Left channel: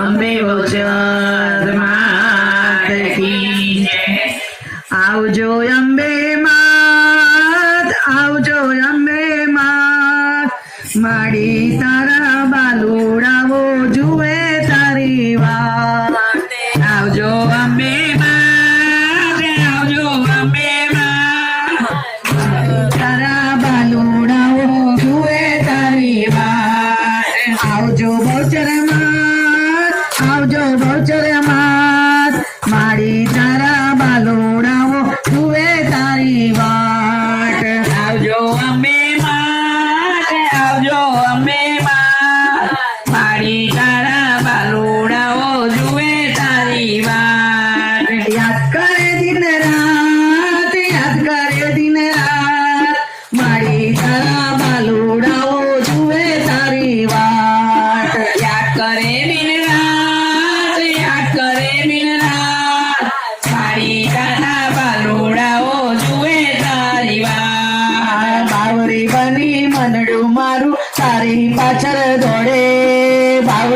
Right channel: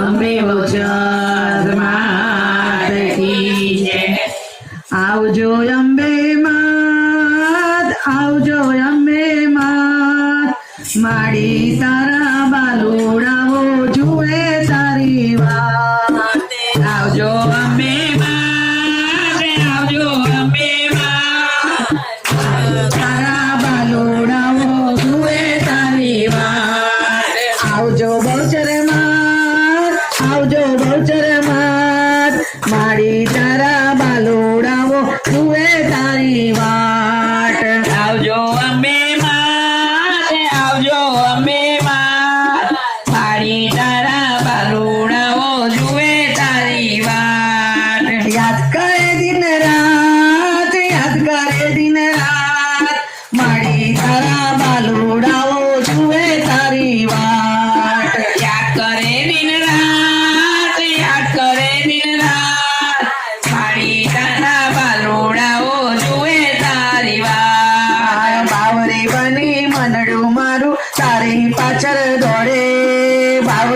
અંબે વચન માતકીને આવજો અંબે માત આવજો અંબે માત મારી તારા ચરે માં મારી ચરા બલોડાઓ જુવે તારી વાત આવજો અમ્બે માં આવજો અમ્બે માં મારી ચરા બલોડાઓ જુવે તારી વાત યાદ કરે દિન રાત યાદ કરે દિન રાત મારી ચરા બલોડાઓ જુવે તારી વાત યાદ કરે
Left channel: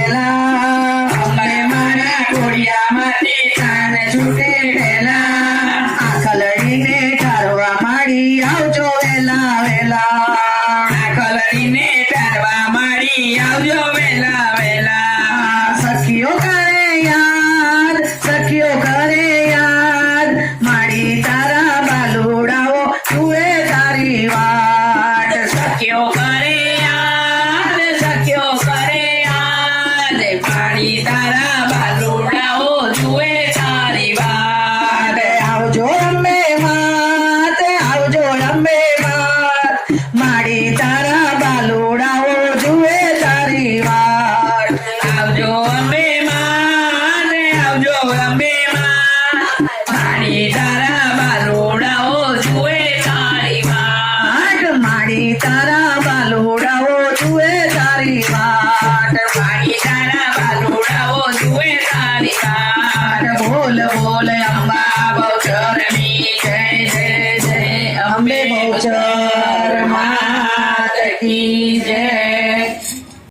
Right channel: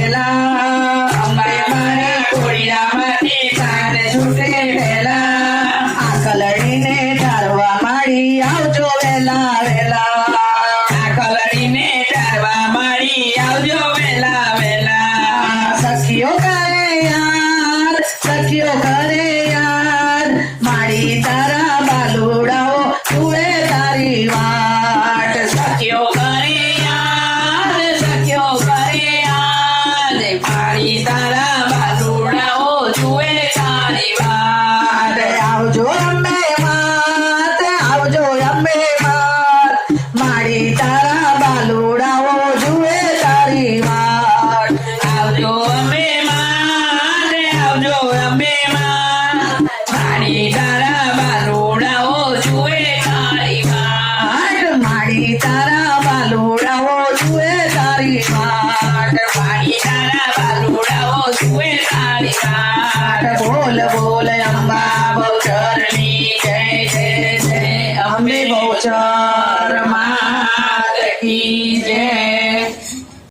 Ella. આવજો અંબે માં આવજો અંબે માં મારી તારા બાલોડાઓ જુએ તારી વાટ મારી તારા બાલોડાઓ જુએ તારી વાટ મારી તારા બાલોડાઓ જુએ તારી વાટ બોલ બોલ અંબા બહુચરની જય જય જય અંબે બહુચર માત કી